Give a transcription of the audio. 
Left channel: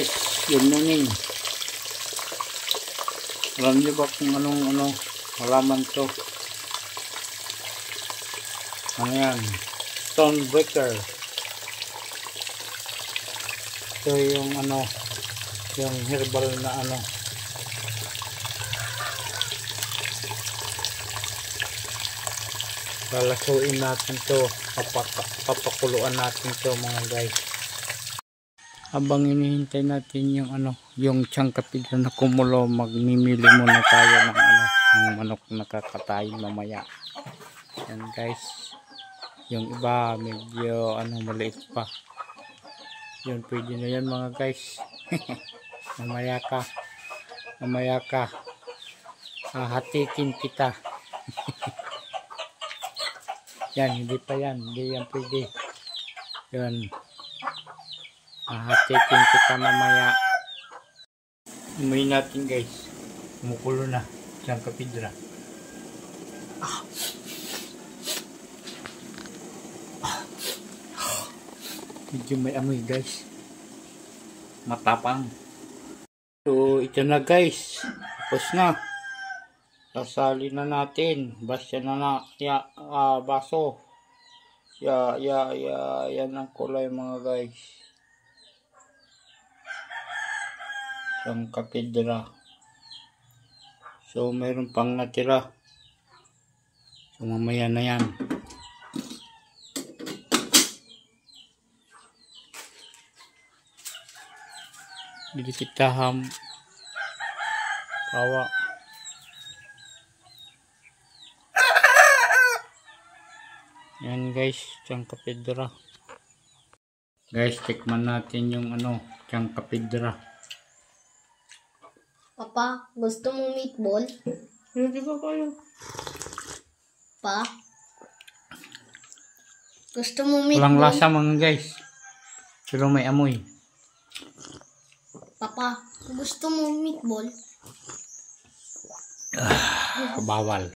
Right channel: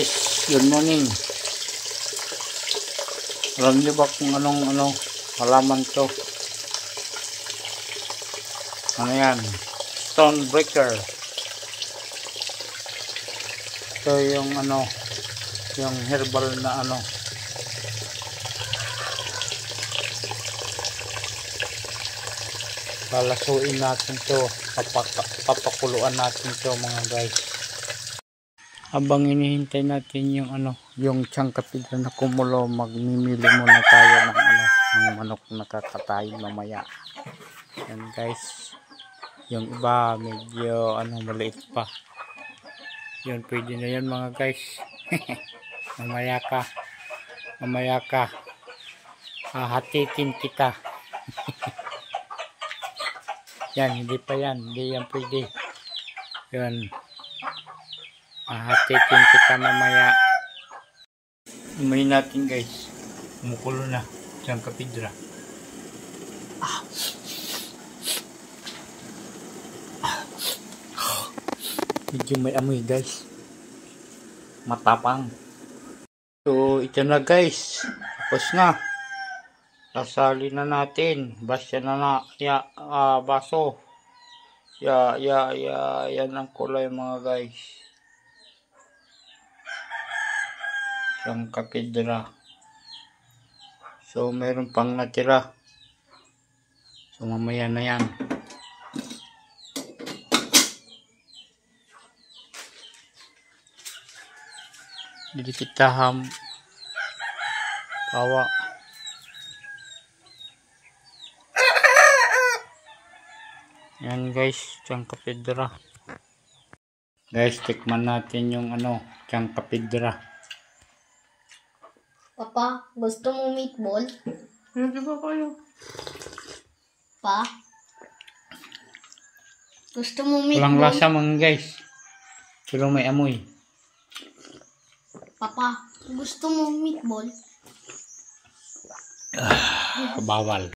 Good morning. Alam niyo ba kung anong halaman to? Ano yan? Stonebreaker. Ito yung yung herbal na lalasuin natin to, papakuluan natin to mga guys. Habang inihintay natin yung tsangkapig na kumulo, magmimili muna tayo ng manok na kakatayin mamaya. Yan guys, yung iba medyo maliit pa. Yun, pwede na yan mga guys. mamaya ka hatitin kita. Yan, hindi yan pwede. Yun, hatitin kita mamaya. Umayin natin guys, kumukulo na tsangkapidra. Medyo may amoy guys, matapang. So ito na guys, tapos na. Sasali na natin, basya na baso. Yan ang kulay mga guys. Tsangkapidra. So meron pang natira. So mamaya na yan. Jadi kita bawa. Yan guys, tsangkapidra. Guys, tikman natin yung tsangkapidra. Papa, gusto mo meatball? Hindi ba kayo? Pa? Gusto mo meatball? Walang lasa mga guys. Pero may amoy. Papa, gusto mo meatball? Bawal.